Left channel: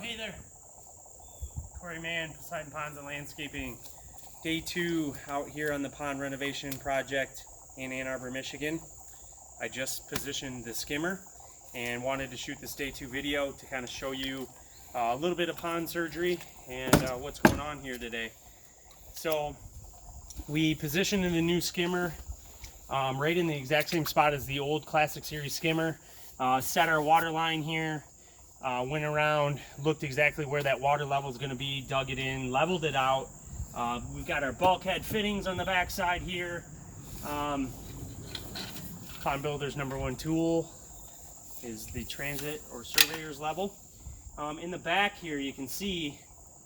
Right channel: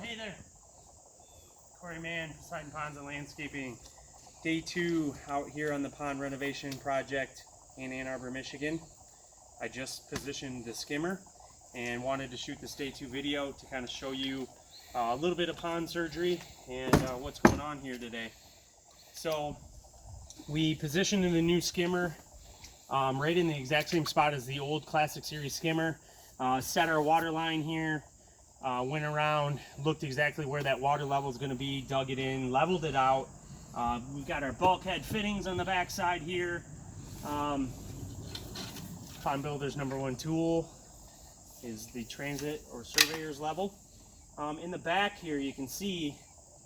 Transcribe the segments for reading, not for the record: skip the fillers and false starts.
Hey there, Corey Mann, Poseidon Ponds and Landscaping. Day 2 out here on the pond renovation project in Ann Arbor, Michigan. I just positioned the skimmer and wanted to shoot this day 2 video to kind of show you a little bit of pond surgery and what's going on here today. So we positioned the new skimmer right in the exact same spot as the old Classic Series skimmer. Set our water line here. Went around, looked exactly where that water level is going to be, dug it in, leveled it out. We've got our bulkhead fittings on the back side here. Pond Builder's #1 tool is the transit or surveyor's level. In the back here you can see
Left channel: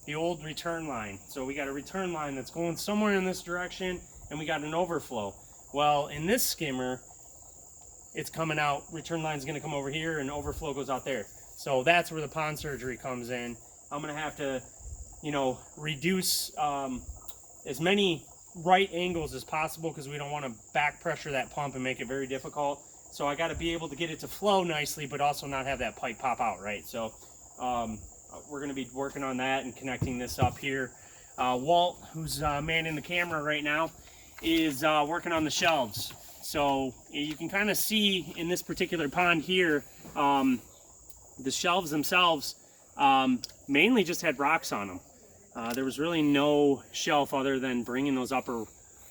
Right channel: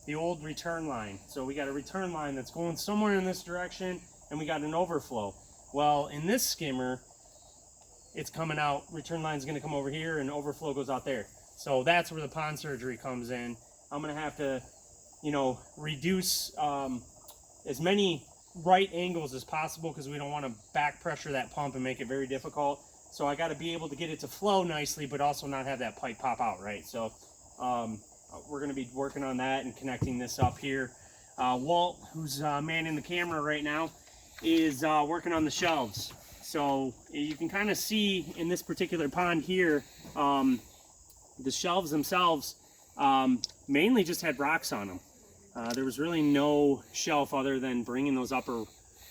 the old return line. So we got a return line that's going somewhere in this direction, and we got an overflow. Well, in this skimmer, it's coming out, return line's going to come over here and overflow goes out there. So that's where the pond surgery comes in. I'm going to have to, reduce as many right angles as possible because we don't want to back pressure that pump and make it very difficult. So I got to be able to get it to flow nicely, but also not have that pipe pop out, right? So we're going to be working on that and connecting this up here. Walt, who's manning the camera right now, is working on the shelves. So you can kind of see in this particular pond here, the shelves themselves mainly just had rocks on them. There was really no shelf other than bringing those upper,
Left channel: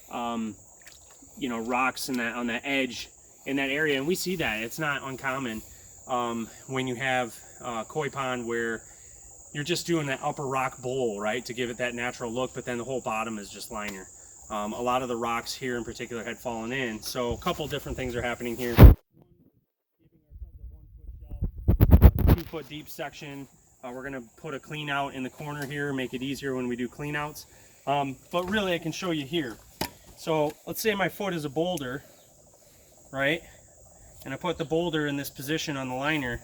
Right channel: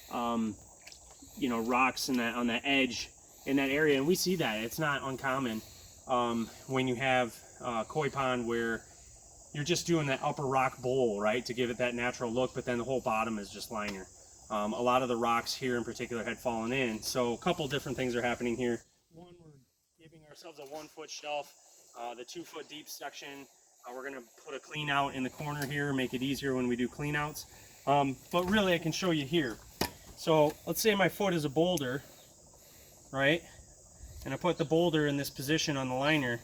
rocks on that edge in that area, and we see that. It's not uncommon when you have a koi pond where you're just doing that upper rock bowl, right, to give it that natural look, but then the whole bottom is just liner. A lot of the rocks here in particular had fallen in, so a couple different things are happening here. One, we're giving ourselves a 1-foot shelf. The 2-foot deep section, we're going to put a clean out in the corner here, make it easier when we do clean outs. But really I can show you here. So let's say my foot is a boulder, right? And I put the boulder in this position on the liner.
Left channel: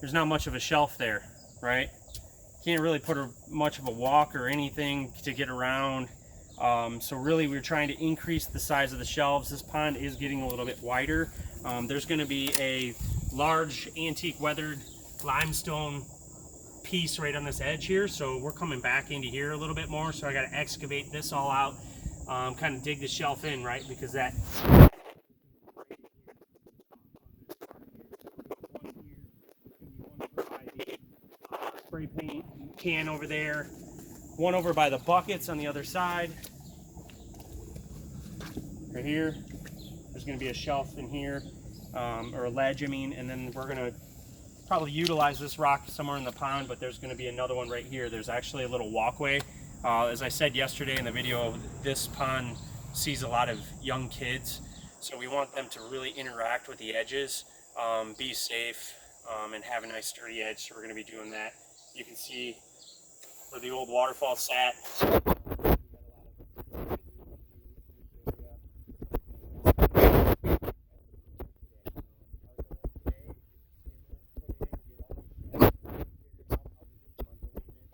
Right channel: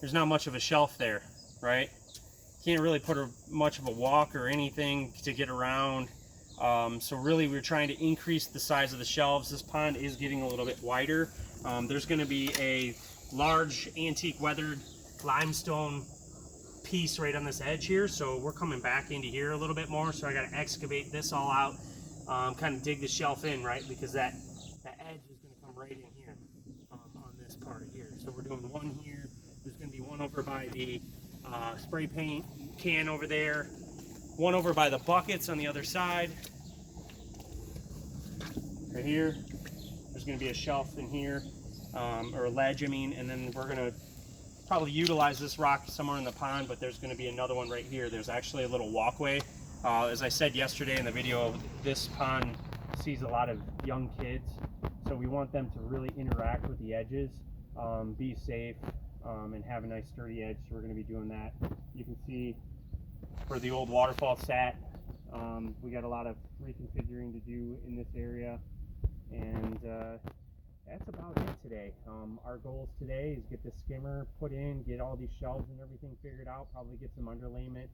There's not much of a shelf there, right? Can't really put much of a walk or anything to get around. So really we're trying to increase the size of the shelves. This pond is getting a little bit wider. There's going to be a large antique weathered limestone piece right on this edge here, so we're coming back into here a little bit more, so I got to excavate this all out, kind of dig the shelf in, right, because that edge is going to come right in here on this part here. So we're doing one here. There's going to be one over by the spray paint can over there, one over by the buckets on the other side right here. There's going to be a shelf in here, or a ledge, and then we're going to probably utilize this rock somewhere in the pond, but there's going to be another one right here. There's actually a little walkway. As I said yesterday in the video, this pond sees a lot of young kids, so we want them to really interact with the edges, be safe, and have a nice sturdy edge, so we're going to be doing that. You can see where the old waterfall sat. We got a lot of reconfiguring to do in this area, and that's about it today. Our goals today is get the skimmer put in, get all these shelves and everything figured out, probably get some underlayment.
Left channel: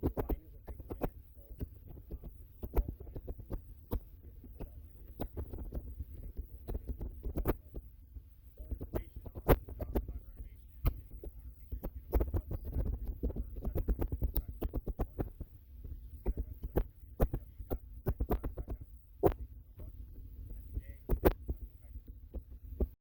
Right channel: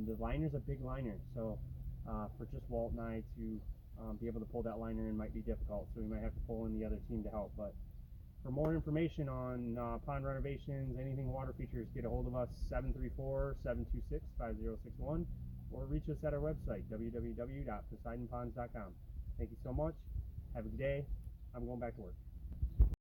The liner's a big liner, so for just Walt and I to be able to pull that liner in might be difficult, so we might have to pull in the other team to help. But for more information on pond renovations, anything water features, get a hold of us 734-726-5061 or reach us at our website www.poseidonponds.com. Thank you so much. Have a good day. I'm going back to work.